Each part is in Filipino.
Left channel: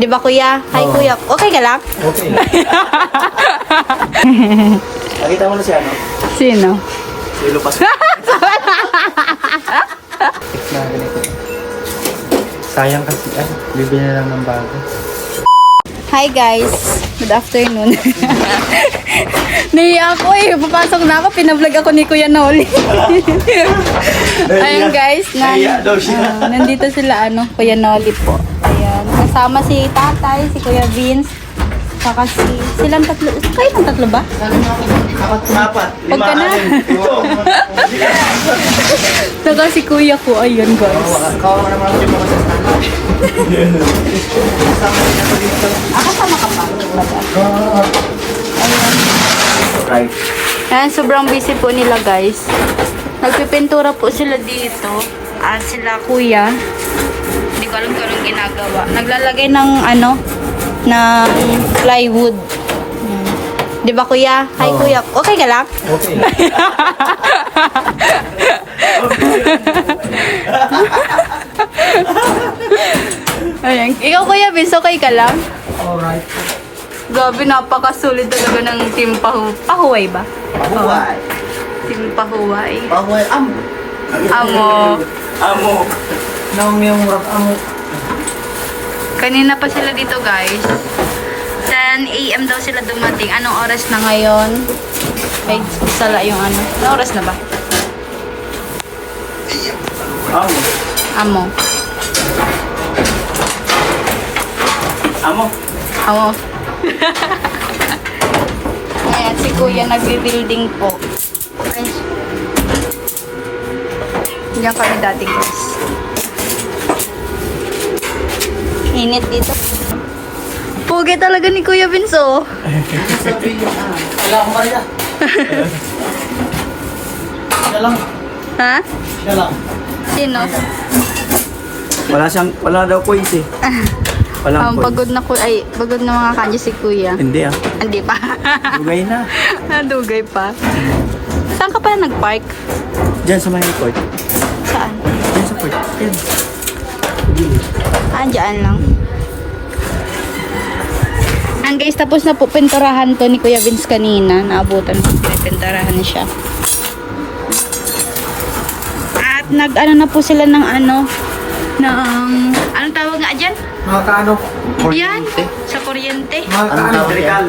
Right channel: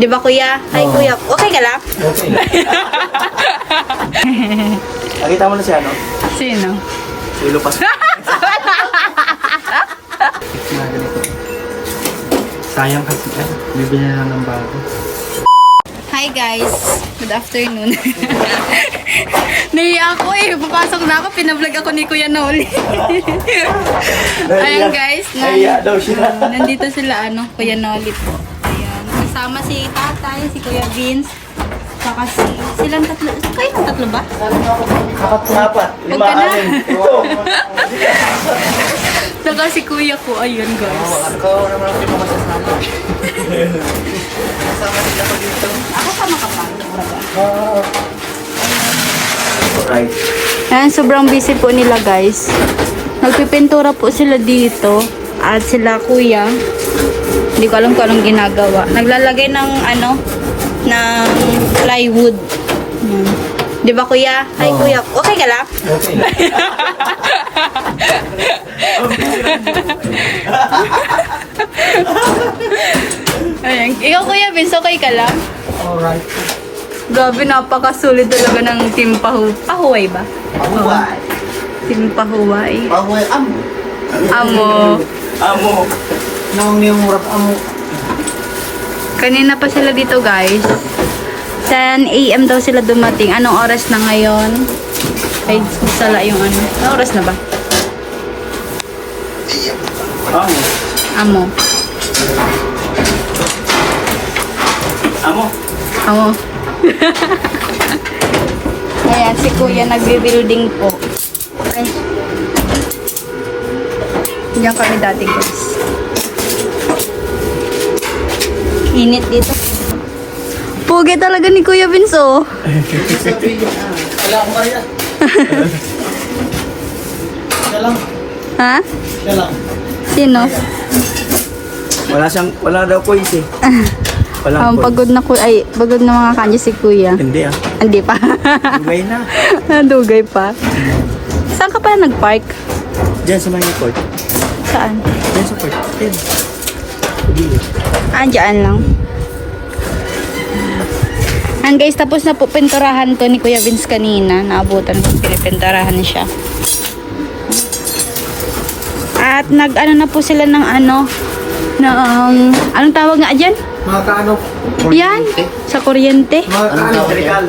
Di ba kuya? Hi Oo. kuya. Okay ka lang? Okay. Nakita mo na si ano? Sino? Si Lupas. Sayang kasi, ay, bibili na lang ng bago. Hi guys. Good afternoon. Naiya ako eh. Papasok na ako. Pinablog ako ni Kuya Noli. Ayan guys. Nan, Naiya daw siya. ah, nandito sila ano. Kuya Noli po. Kasama si tatay, si Kuya Vince. Saka si... Silang tatlo. Kayo ng tatlo ba? Huwag ka na. Saka si Kuya ko. Ayun guys. Ako pa makapasok. Ayan. Right. Ayan, sobrang busy po nila guys. Nagpipintura po sila dito. At sila kuya. Hindi ko alam kung anong ginagawa. Naglalagay ng ano, ng plywood. Ayan. Di ba kuya? Hi Oo. kuya. Okay ka lang? Okay. Ayan. Ikaw kuya, Vince, okay ka lang? Alright. Grabe, napakasulit talaga ng team Pahu Pahuway ba? Pahuway. Team Pahuway. Pahuway, amo. Amo. Amo. Nang yung murag amo. Kanina pa sila dito guys. 10 a.m. daw sila dumating. Anong oras na ngayon? Ay, sala yung ano. Anong oras na ba? Amo. Amo. Amo. Amo. Ayan, si Kuya nag-building po. Ay. Diyan kami dati guys. Init dito. Pugi talaga ni Kuya Vince oh. Wala ko kanina. Siya lang. Ha? Siya lang. Sino? Wala siyang, wala daw coins eh. Wala Um, pagod na ku ay pagod na mga kanya si Kuya. Hindi ah. Hindi pa. Dugay na. Dugay pa. Saan ka pa nag-park? Diyan sa may court. Sa court. Diyan. Sige. Ah, dyan lang. And guys, tapos na po pintarahan to ni Kuya Vince kanina. Naabutan po pintarahan siya. At nag-ano na po sila ng ano, na, um, anong tawag nga dyan? Mga kaano? Yan, sa kuryente. Mga kaano? Electrical.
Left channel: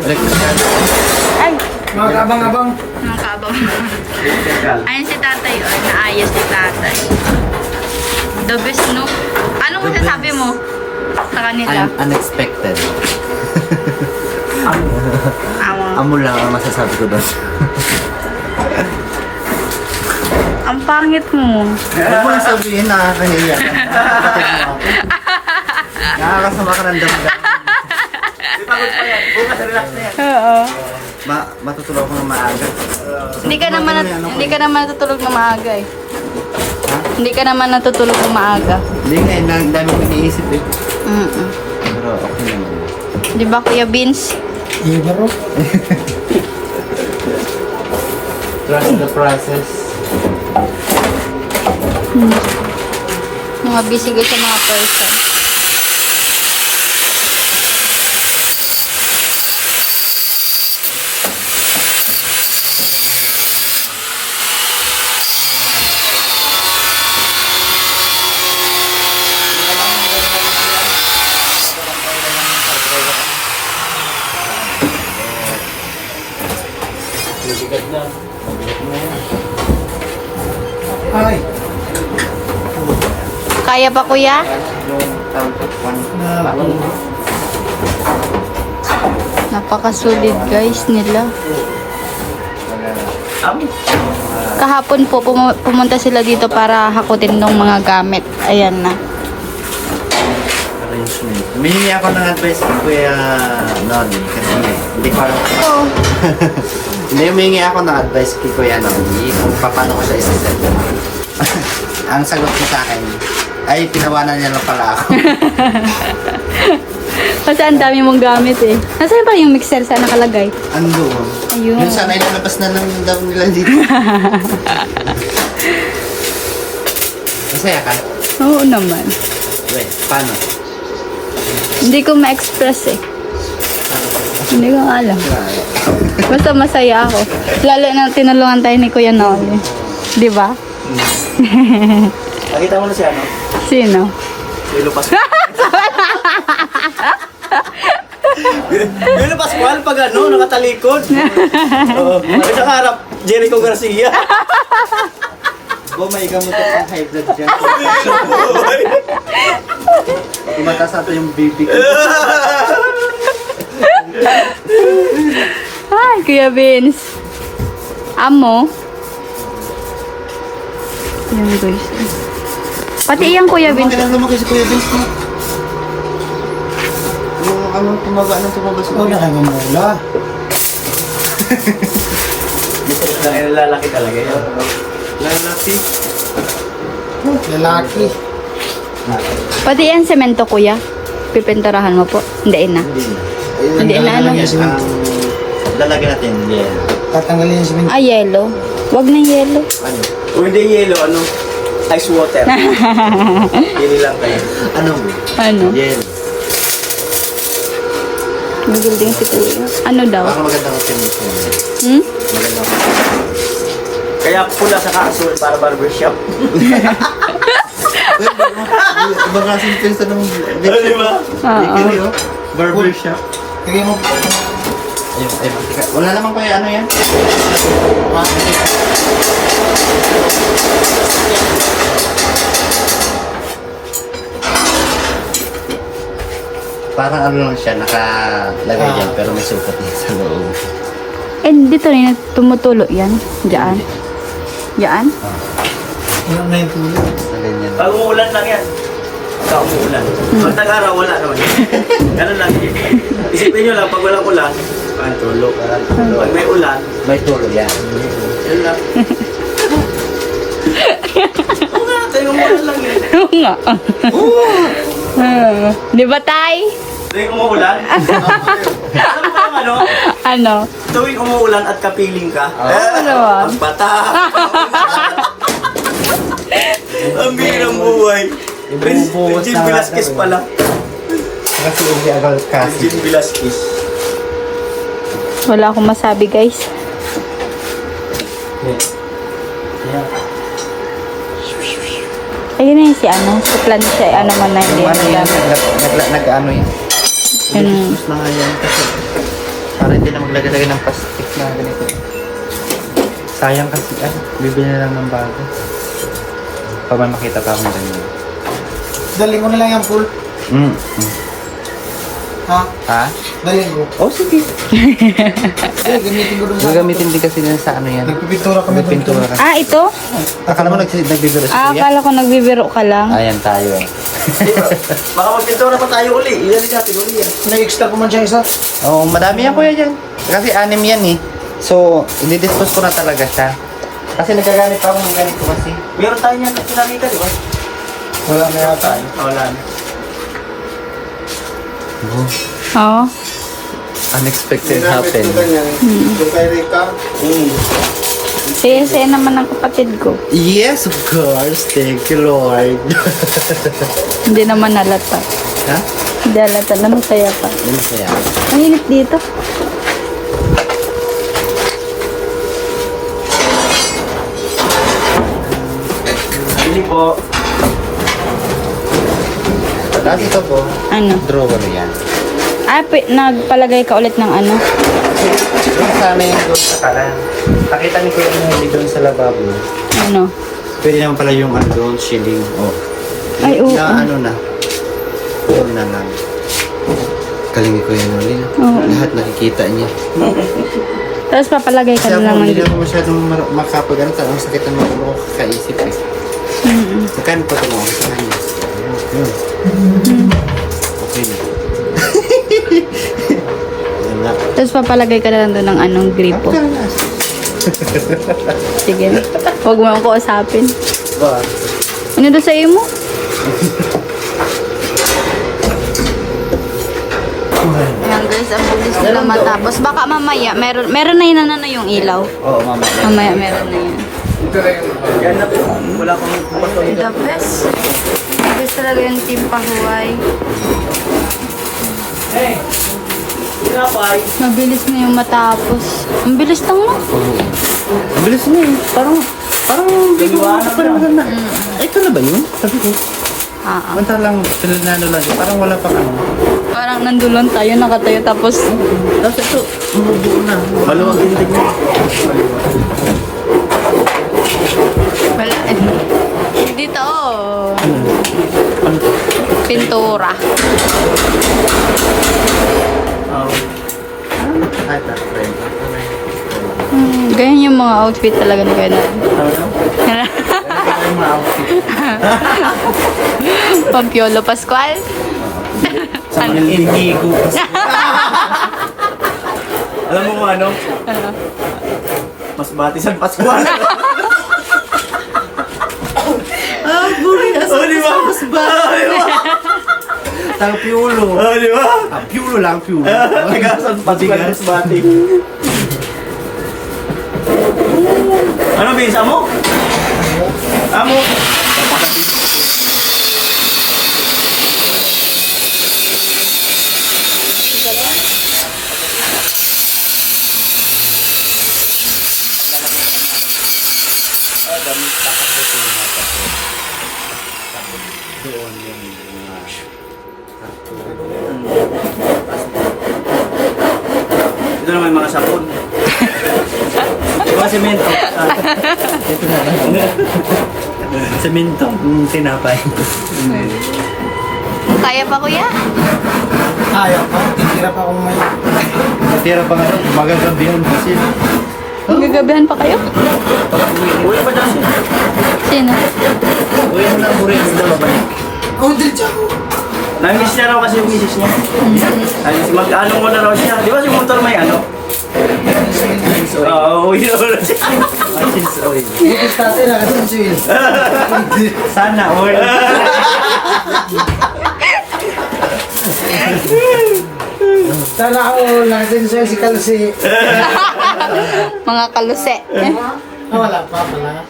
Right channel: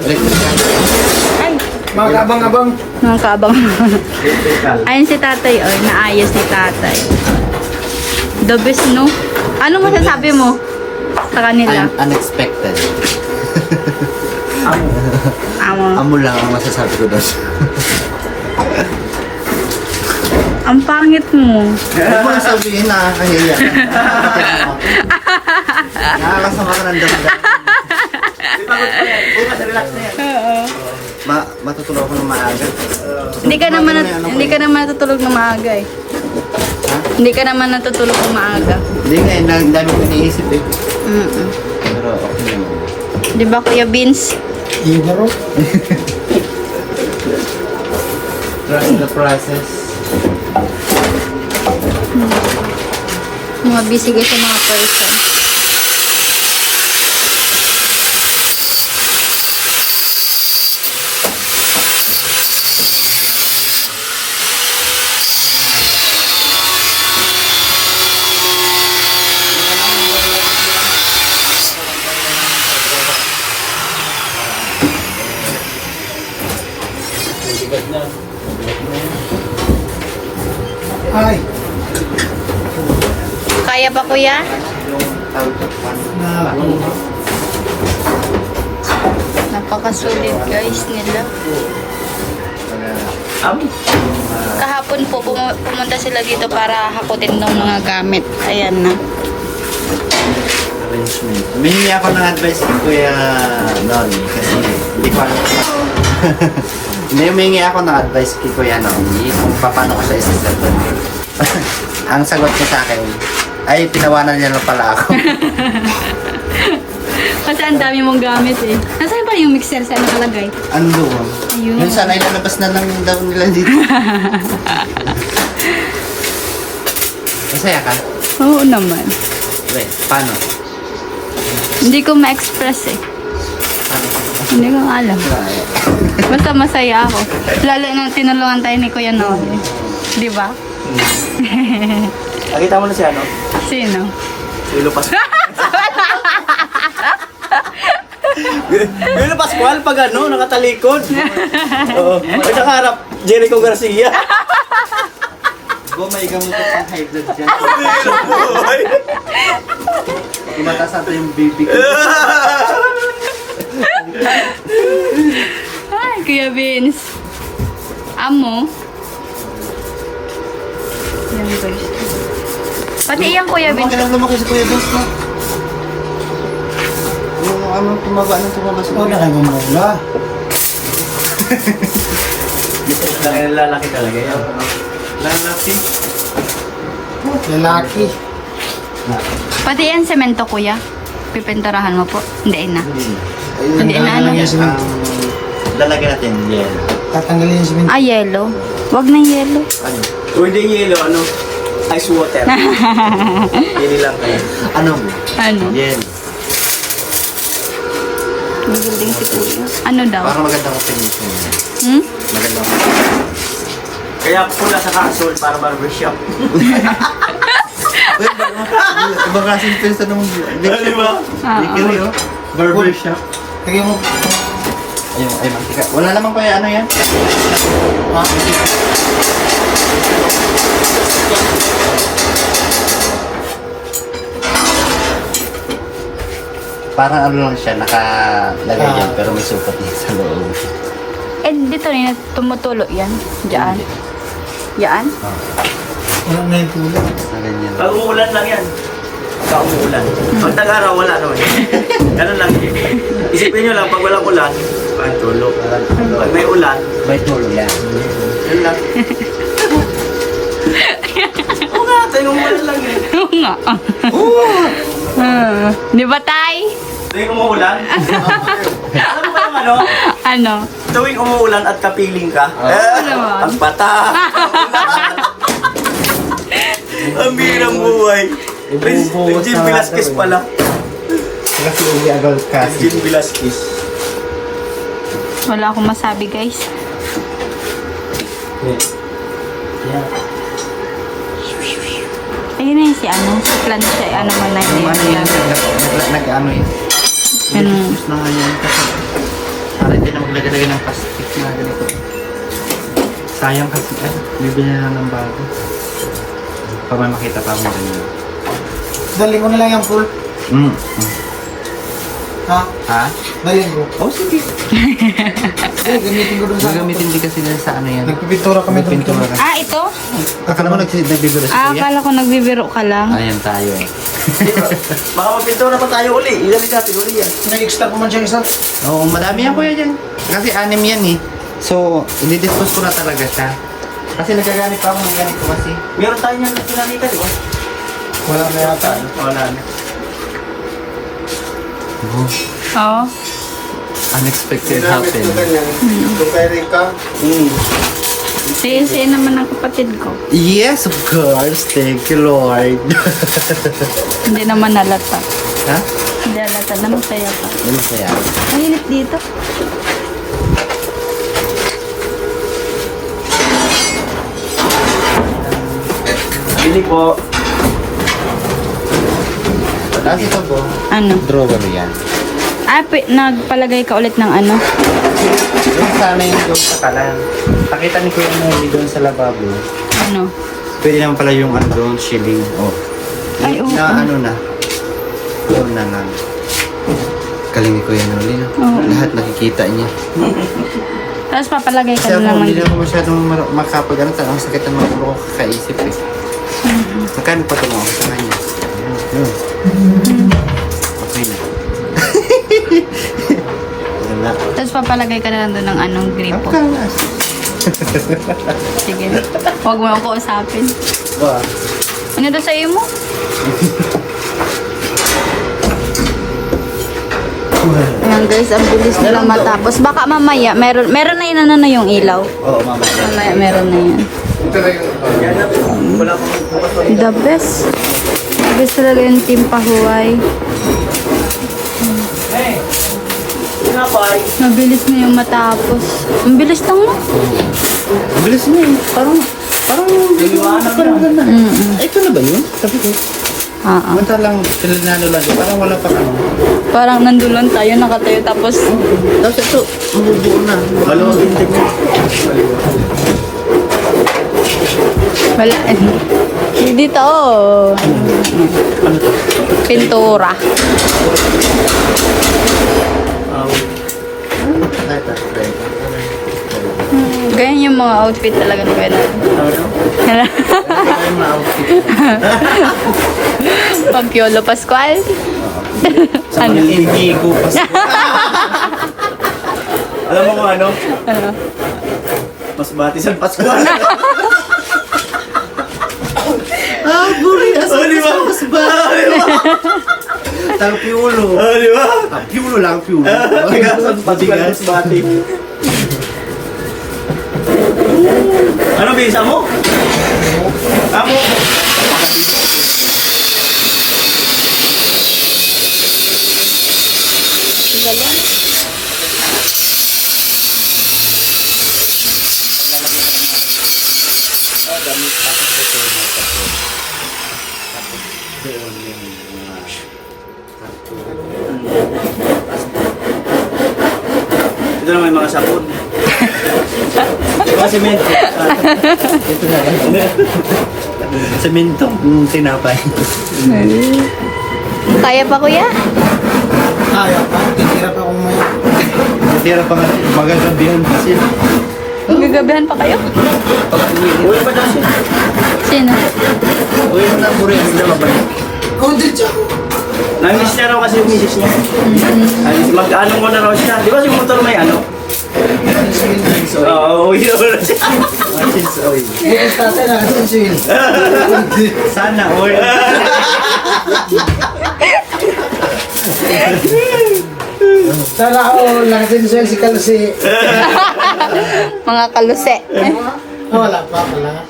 Ay, Mga kabang-abang. mga. Electrical. Ayun si tatay, oh, naayos si tatay. The best, no? Ano masasabi mo sa kanila? Un- unexpected. Amo. Amo lang ang masasabi ko doon. Ang pangit mo. Huwag mo yung sabihin, nakakahiya. Nakakasama ka ng damdam. Oo. Ma matutulog ako ng maaga. Hindi ka naman Ano hindi eh? ka naman natutulog na maaga eh. Ha? Hindi ka naman natutulog na maaga. Hindi nga, ang dami- ko iniisip eh. Mm. Pero okay naman. Di ba Kuya Vince? Ibaro. Trust the process. Mga busy guys sa mga person. Ay. Kaya pa Kuya? Napakasulit guys nila. Kahapon po pum- pumunta sila dito para hakutin ng mga gamit. Ayan na. Arrangement. Humingi ako ng advice kay Kuya Noni kasi hindi ko alam. hindi, humingi ako ng advice kay Kuya Noni kung paano ko siya isiset. Ang sagot niya sa akin, ay pinawanan niya lang pala ako. Kasi ang dami mong gamit eh. Nasaan pa yung mixer sa nakalagay? Ando. Ayun. Yun sana ilalabas na lang daw nila dito. Masaya ka? Oo naman. Wait, paano? Hindi ko ma-express eh. Hindi ko alam. Basta masaya ako. Lalo na tinulungan tayo ni Kuya Noel. Di ba? Nakita mo na si ano? Sino? Si Lilo Pascual. Lilo Pascual pag ano, nakatalikod. Oo. At nakaharap, Jericho Garcia. Oh, may gamot ka pang high blood dyan. Tumatas natin yung baby ko. Hi, Kuya Vince. Amo. Pati yung Kuya Vince. Kailan lumaki sa Kuya Vince na? Yung anong tumaga, anong tumabas na? Ano na kayo mamula? Lalaki talaga yun. Lalaki. Lalaki. Pati yan semento, Kuya. Pipinturahan mo po. Hindi na. Hindi na ano. Lalagyan natin yan. Tatanggalin yung simen. Ah, yellow. Wag ng yellow. Ano? O hindi yelo, ano? Ice water. Yeli lang tayo. Ano mo? Ano? Din si Kuya. Ano daw? Baka maganda ka pinito. Hmm? Maganda ka. Kaya pula sa kakasuot para barbershop. Iba kasi yung pinsa ng Ano mo? Oo. Barbershop. Tingin mo. Ayun, ayun. Tika. Wala naman kaya ano yan? Parang ano lang siya, nakalagay dyan, pero may sukat din sa loob. Eh, dito na. Tumutulo yan. Diyan. Yan? Ano yan? Pag umulan lang yan. Pag umulan. Ang tag-araw wala naman. Ano lang yun. Isipin nyo lang, pag walang ulan, ay tulog. Pag may ulan, May tulo yan. yun lang. Oo nga, kayo umulan lang yun. Oo nga. Ah, Di ba, Tay? Tuwing umuulan, mo ba yung ano? Ano? Tuwing umuulan at kapiling ka, eh, naman. ang bata. ang birang buhay. Jim Velasquez pala. Kasi hindi agad kasi. Jim Velasquez. Wala akong masabi, guys. Ayun na yun si ano, si Plancha, ano man na yun. Nag-ano yun? Ano? Mga yan kasi parang maglagay ng plastic na ganito. Sayang kasi ah, bibili na lang ng bago. Para makita ka mo din yun. Dali mo na lang yung pool. Mm. Ha? Ha? Dali mo. Oh, sige. Ay, gamitin ko dun sa... Gagamitin din kasi nila sa ano yan. Nagpipintura kami dun. Pintura. Ah, ito? Akala mo nagbibiro Ah, sa iya? akala ko nagbibiro ka lang. Ayan tayo. Baka magpintura pa tayo uli. Ilan natin uli yan. Na-extra ko man siya isa. Oo, oh, madami yan kuya dyan. Kasi anim yan eh. So, i-dispose ko na talaga siya. Kasi nagagamit ako ng ganito kasi. Meron tayo nyan na pinakita, di ba? Wala na yata. Wala na. Oo. Unexpected happen. Doon tayo rin ka. Sige, naman ng kapatid ko. Yes, of course. Thank you, Lord. Hindi naman nalata. ha? Hindi nalata. Naman kaya ka. Ano kaya? Ang init dito. Hindi po. Ano? Draw ano yan? Ah, nagpalagay ka ulit ng ano? Yung doon sa kalan. Pakita ko yung doon sa lababo. Ano? Pwede naman pala yung ano doon, shilling. Oh. Ay, oo. Na ano na. Oo na lang. Galing ni Kuya Nolin. Oo. Lahat nakikita niya. Tapos papalagay ka Kasi na ako, lang hindi naman masyadong makapag ano, ang sakit ng mga ko kakaisip eh. Mm-mm. Magkano pa ito mo? Sabi niya. Yun. Papalagay ka lang doon ng anong bilbo. Sige. Huwag mo ako usapin. Ano doon sa iyo mo? Ayan guys, ang bilis nila matapos. Baka mamaya, meron, meron na yun ano na yung ilaw. Oo, mama. Mamaya, meron na yun. The best. The best talaga yung team pahuway. Mabilis na yung matapos. Ang bilis lang mo. Ang bilis niya eh. Parang, parang hindi ko parang maganda. Ay, ito na ba yun? Sabi ko. Ah, ah. Manta lang, pinanalo lang yun. Parang wala pang ano. Parang nandulon tayo, nakatayo tapos Tapos ito, mabubuo na. Maluwag yung tingin. wala. Dito, oh. Pintura. Try. Hmm, ganyan yung mga outfit talaga ni Kuya Ano daw? Nat. Ito yung mga outfit. Pampiolo Pascual. Sa hindi ko Alam mo kung ano? Ano? Mas bati sa Pascual. Ah, buri! Asa Oh? Mas ba? Tang piulo. Oh, di ba? Ah, piulo lang, piulo. Patigas. mas bati. Ano bisa mo? Ito naman yung mga sabon. Ito semento. Ito na lang. Semento. Yung tinapay. Kaya pa kuya? Ayaw pa. Titira pa kung may... Natira pa bihon kasi. Gagabihan pa kayo? Uy, pa daw siya. Sino? Uy mo lang, buri. Hindi ba balik? Kundrit siya ako. Namiss niya raw kasi yung misis niya. Ay, mag-ano mo na raw siya. Di ba si motor may ano? Oo, uwi na wala siya. Martins oil. Na. Sana oil. Sana ako nakasinsil si Kalsi. Mga kaluse. Ah, wala pa pala.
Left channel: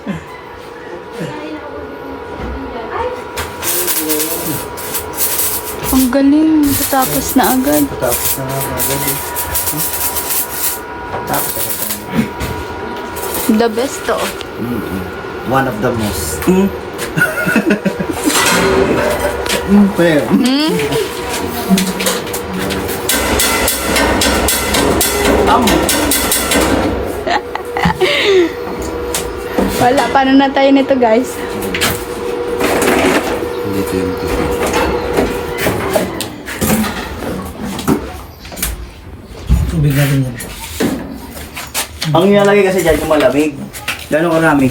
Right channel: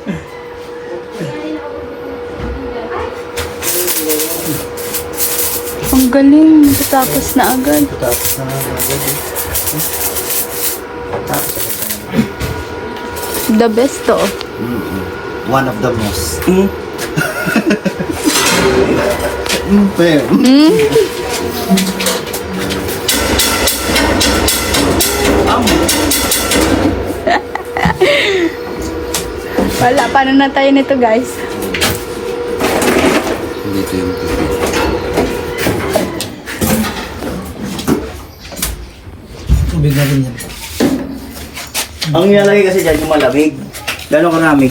Galing. Tapos na agad. Tapos na agad. The best to. One of the most. Hmm. Mm, pero. Wala, paano na tayo nito guys? Tubig na rin yan. Ang nilalagay kasi dyan kung malamig. Gano'ng karami?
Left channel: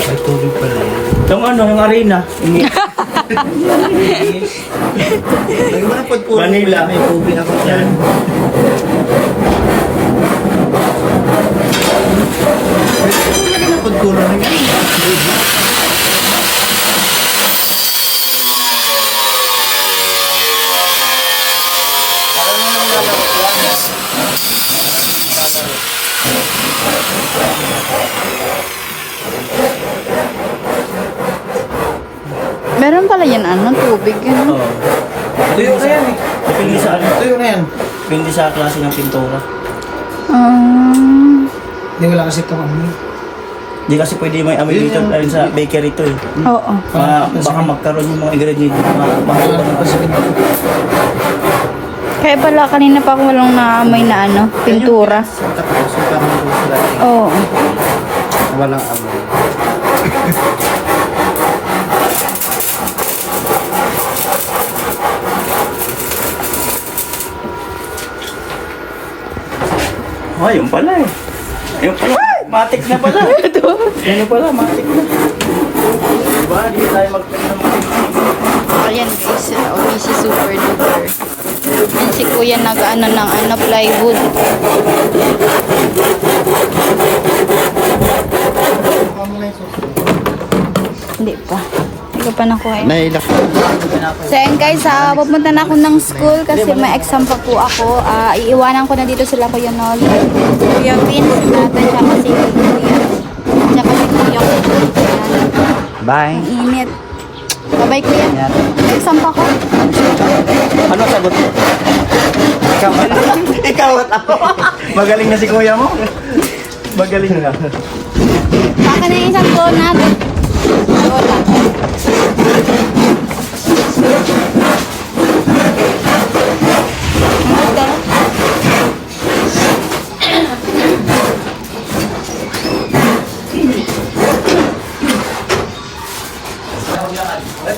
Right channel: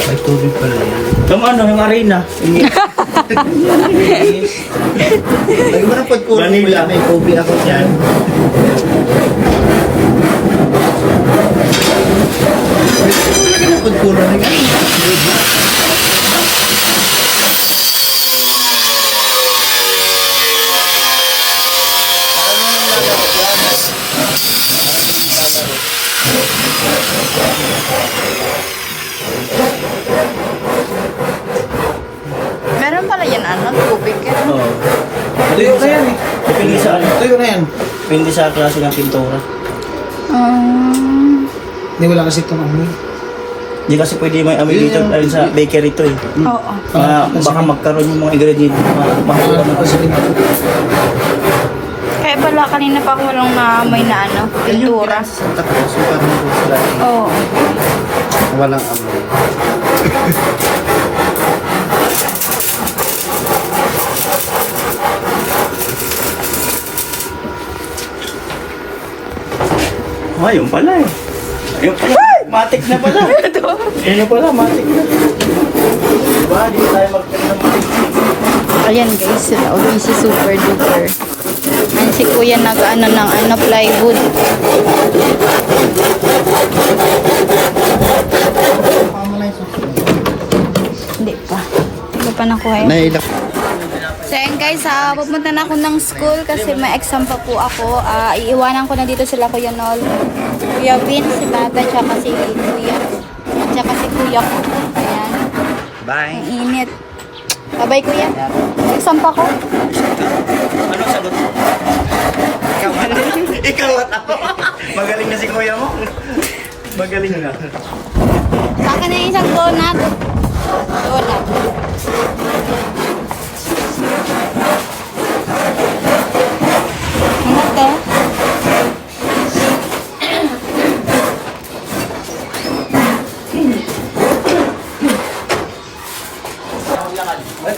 May tubig pa lang. Yung ano, yung arena. Ay, mo na pagkulang Vanilla. May tubig ako dyan. Lagyan ng pagkulang. Sa klase ng pintura. Um, Hindi wala kasi itong ano. Hindi kasi pwede may amoy dito yung- dahil sa bakery to eh. oo. Mga, baka magkaroon yung mga ingredients. Mga na na kasi dito. Kaya pala kanina pa ako walang naamoy na ano, pintura. Sa tapos, yung parang gusto Oo. Walang amoy. Oh, yun pala eh. Ayun pala. Matik na pala. Yan na pala, matik na. Diba? Hindi tayo magpapalala. Ayan guys, sila ulit si Super Duper. Ayan si Kuya nag-ano ng ano, plywood. Hindi pa. Hindi pa nakuha yun. Nailak. So ayan guys, ah, pupunta na ako ng school kasi may exam pa po ako. Ah, iiwanan ko na dito sila Kuya Nol. Kuya Vin, si Tata, tsaka si Kuya. Tsaka si Kuya ko. Bye. Ang init. Babay ko yan. Exam pa ko. Ano sagot mo? Ikaw at ako. Magaling na si kuya mo. Magaling na. Baka na yung isang donut. Donut. Ano to?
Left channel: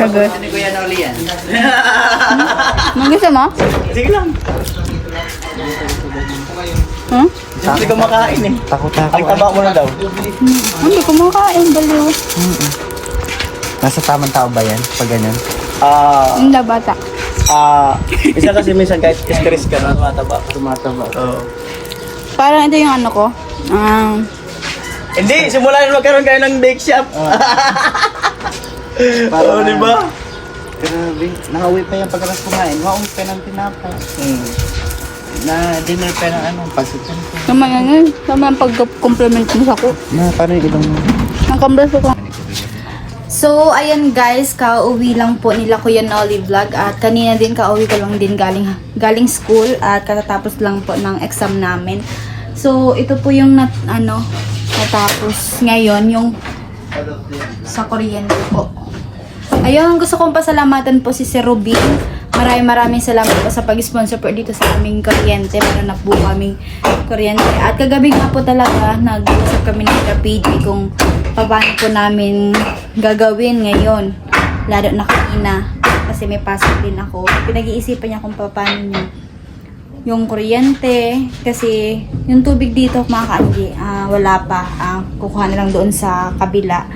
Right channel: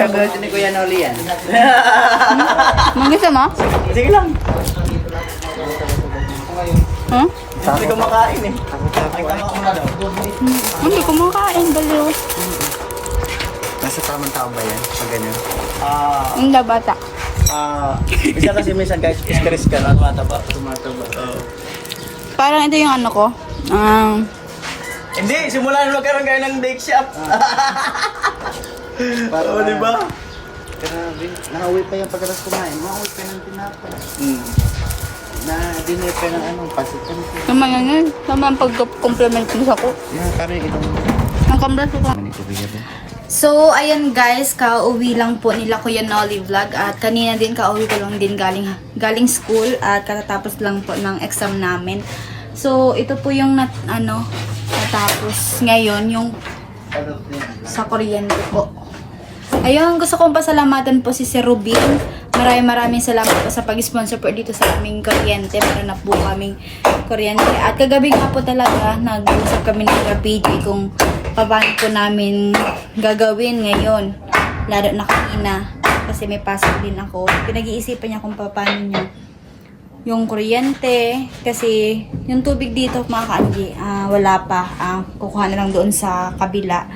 Sagot. Ano kuya Noli yan? Magusto mo? Sige lang. Huh? Hindi ko makain eh. Takot na. Ang taba mo na daw. Hindi ko makain. Baliw. Nasa tamang tao ba yan? Pag ganyan? Ah, Hindi bata. ah, isa kasi minsan kahit stress ka na tumataba. Tumataba. Oo. Parang ito yung ano ko. Ah, Hindi, simulan magkaroon kayo ng bake shop. Oo, di ba? Grabe. Nakauwi pa yung pagkakas kumain. Makauwi pa ng tinapay. Hmm. Na dinner pa ng ano, pansitan pa. naman yan yun. Naman ang pag-compliment mo sa ko. Na, parang ibang Ang kambraso ko. So, ayan guys, kauwi lang po nila Kuya Nolly Vlog at kanina din kauwi ko lang din galing, galing school at katatapos lang po ng exam namin. So, ito po yung nat, ano, natapos ngayon, yung sa kuryente po. Ayan, gusto kong pasalamatan po si Sir Rubin. Maraming maraming salamat po sa pag-sponsor po dito sa aming kuryente. Meron na po kaming kuryente. At kagabi nga po talaga, nag-usap kami ng PG kung paano po namin gagawin ngayon. Lalo na kanina. Kasi may pasok din ako. Pinag-iisipan niya kung paano niya yung kuryente. Kasi yung tubig dito, mga ka-Angie, ah, wala pa. Ah, kukuha na lang doon sa kabila.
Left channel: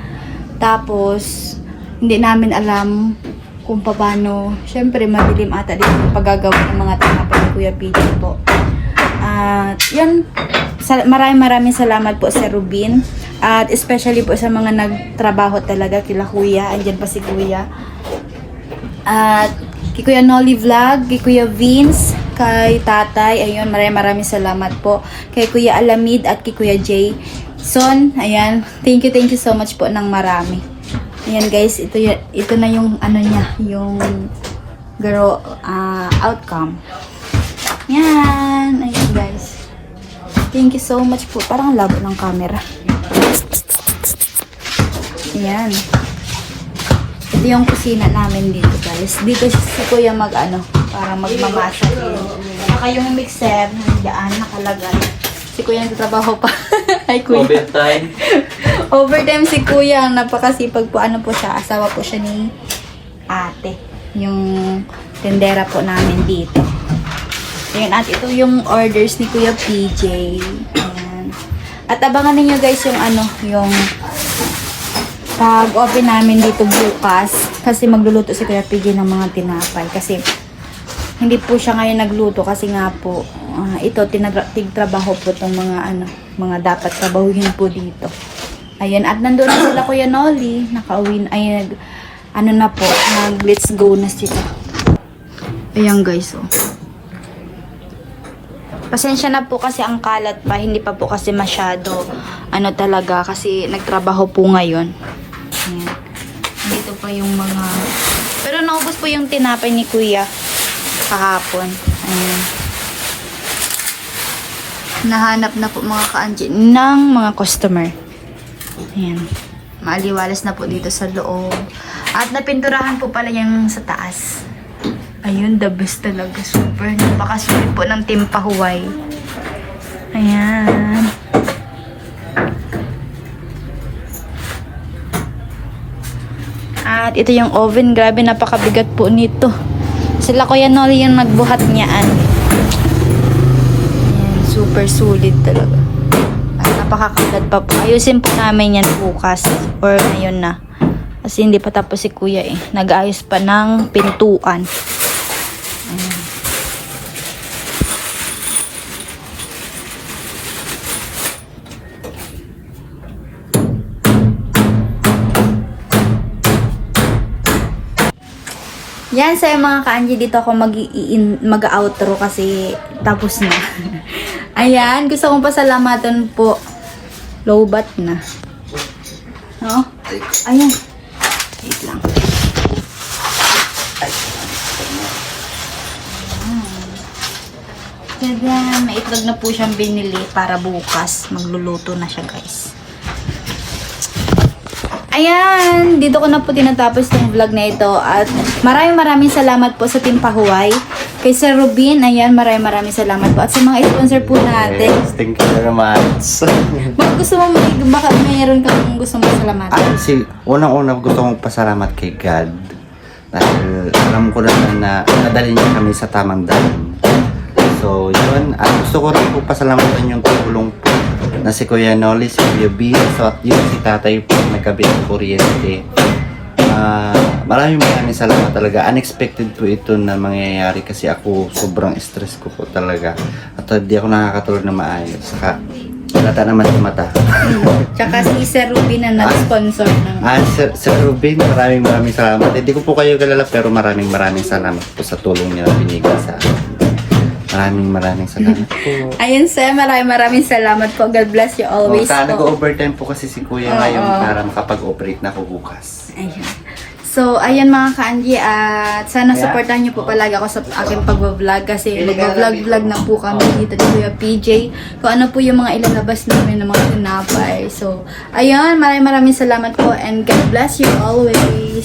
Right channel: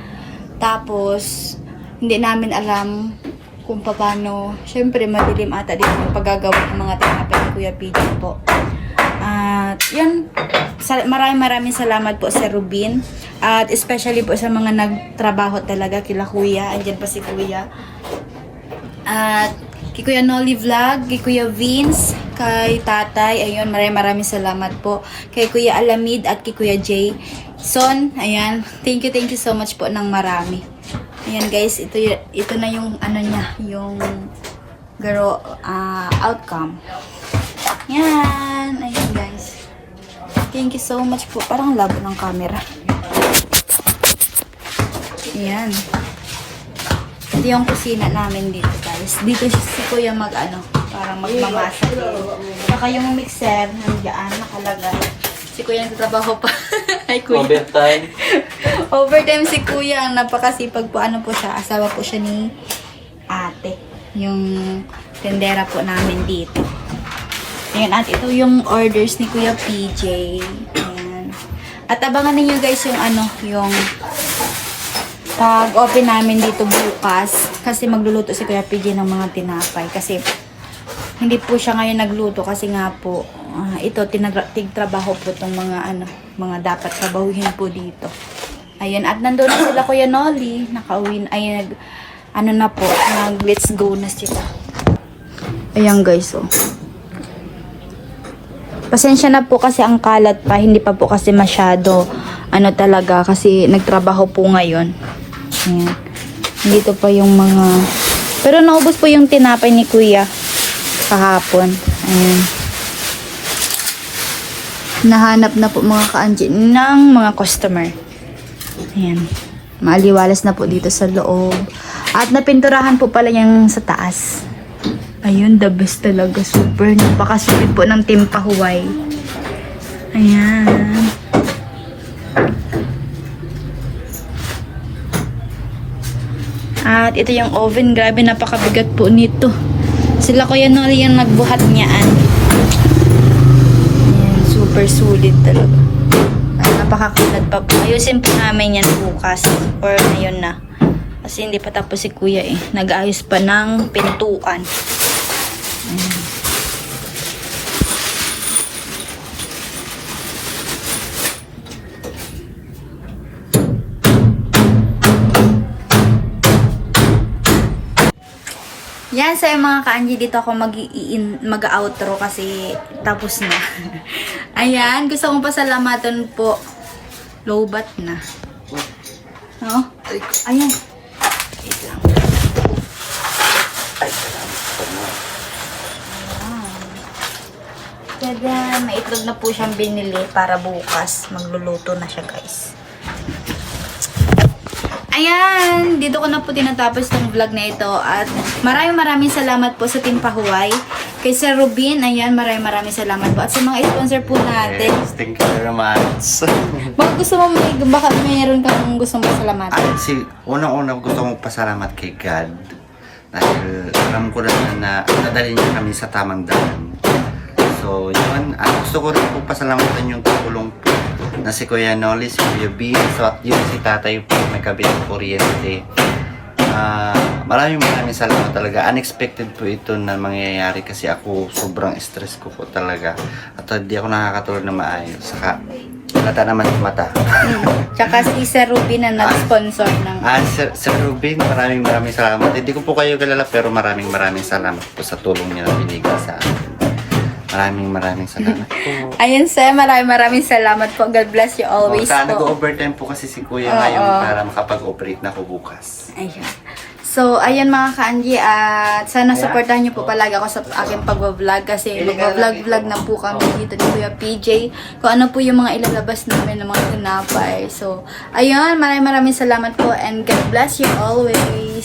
Tapos, hindi namin alam kung paano, syempre madilim ata dito yung paggagawa ng mga tinapay ni Kuya PJ po. At yun, sa, maraming maraming salamat po sa Rubin. At especially po sa mga nagtrabaho talaga kila Kuya. Andyan pa si Kuya. At kay Kuya Nolly Vlog, kay Kuya Vince, kay Tatay, ayun, maraming maraming salamat po. Kay Kuya Alamid at kay Kuya Jay. Son, ayan, thank you, thank you so much po ng marami. Ayan guys, ito, ito na yung ano niya, yung girl ah, outcome. Yan, ayun guys. Thank you so much po. Parang labo ng camera. Ayan. Ito yung kusina namin dito guys. Dito si kuya mag ano, parang magmamasa. Saka yung mixer, nandiyan, nakalagay. Si kuya nagtatrabaho pa. Ay kuya. Overtime. Overtime si kuya, napakasipag po. Ano po siya, asawa po siya ni ate. Yung tendera po namin dito. Ayan, at ito yung orders ni Kuya PJ. Ayan. At abangan ninyo guys yung ano, yung pag-open namin dito bukas. Kasi magluluto si Kuya PJ ng mga tinapay. Kasi hindi po siya ngayon nagluto kasi nga po ah, ito tigtrabaho po itong mga ano mga dapat trabahuhin po dito ayun at nandoon na sila kuya Nolly nakauwi na- ay nag ano na po nag let's go na sila ayan guys oh pasensya na po kasi ang kalat pa hindi pa po kasi masyado ano talaga kasi nagtrabaho po ngayon ayan dito pa yung mga pero naubos po yung tinapay ni kuya kahapon. Ayan. Nahanap na po mga kaanji ng mga customer. Ayan. Maaliwalas na po dito sa loob. At napinturahan po pala yung sa taas. Ayun, the best talaga. Super. Napakasipid po ng Team Pahuway. Ayan. At ito yung oven. Grabe, napakabigat po nito. Sila Kuya Nolly yung nagbuhat niyaan. Super sulit talaga. At napakakulat pa po. Ayusin po namin yan bukas. Or ngayon na. Kasi hindi pa tapos si Kuya eh. Nag-ayos pa ng pintuan. Yan, sa mga ka-Angie, dito ako mag mag-outro kasi tapos na. Ayan, gusto kong pasalamatan po. Low bat na. Oh, ayan. lang. Tada, may itlog na po siyang binili para bukas. Magluluto na siya, guys. Ayan, dito ko na po tinatapos tong vlog na ito at maraming maraming salamat po sa Team Pahuway. Kay Sir Rubin, ayan, maraming maraming salamat po. At sa mga sponsor po natin. Yes, thank you very much. Baka gusto mo, may, baka mayroon kang gusto mo salamatan. Ay, si, unang-una gusto kong pasalamat kay God. Dahil alam ko naman na nadali niya kami sa tamang daan. So, yun. At gusto ko rin po pasalamatan yung tulong po na si Kuya Nolly, si Kuya B, so at yun si tatay po may kabit ng kuryente. Ah, maraming maraming salamat talaga. Unexpected po ito na mangyayari kasi ako sobrang stress ko po talaga. At hindi ako nakakatulog na maayos. Saka, halata naman sa mata. Tsaka si Sir Rubin na nag-sponsor ng... Ah, Sir, Sir Ruben, maraming maraming salamat. Hindi ko po kayo kilala pero maraming maraming salamat po sa tulong niyo na binigay sa akin. Maraming maraming salamat po. Ayun sir, maraming maraming salamat po. God bless you always sana po. nag-overtime po kasi si Kuya Oo. ngayon para makapag-operate na po bukas. Ayun. So, ayan mga ka-Angie, at sana supportahan niyo po palagi ako sa aking pag-vlog kasi mag-vlog-vlog na po kami dito ni Kuya PJ kung ano po yung mga ilalabas namin ng mga tinapay. So, ayun, maraming maraming salamat po and God bless you always.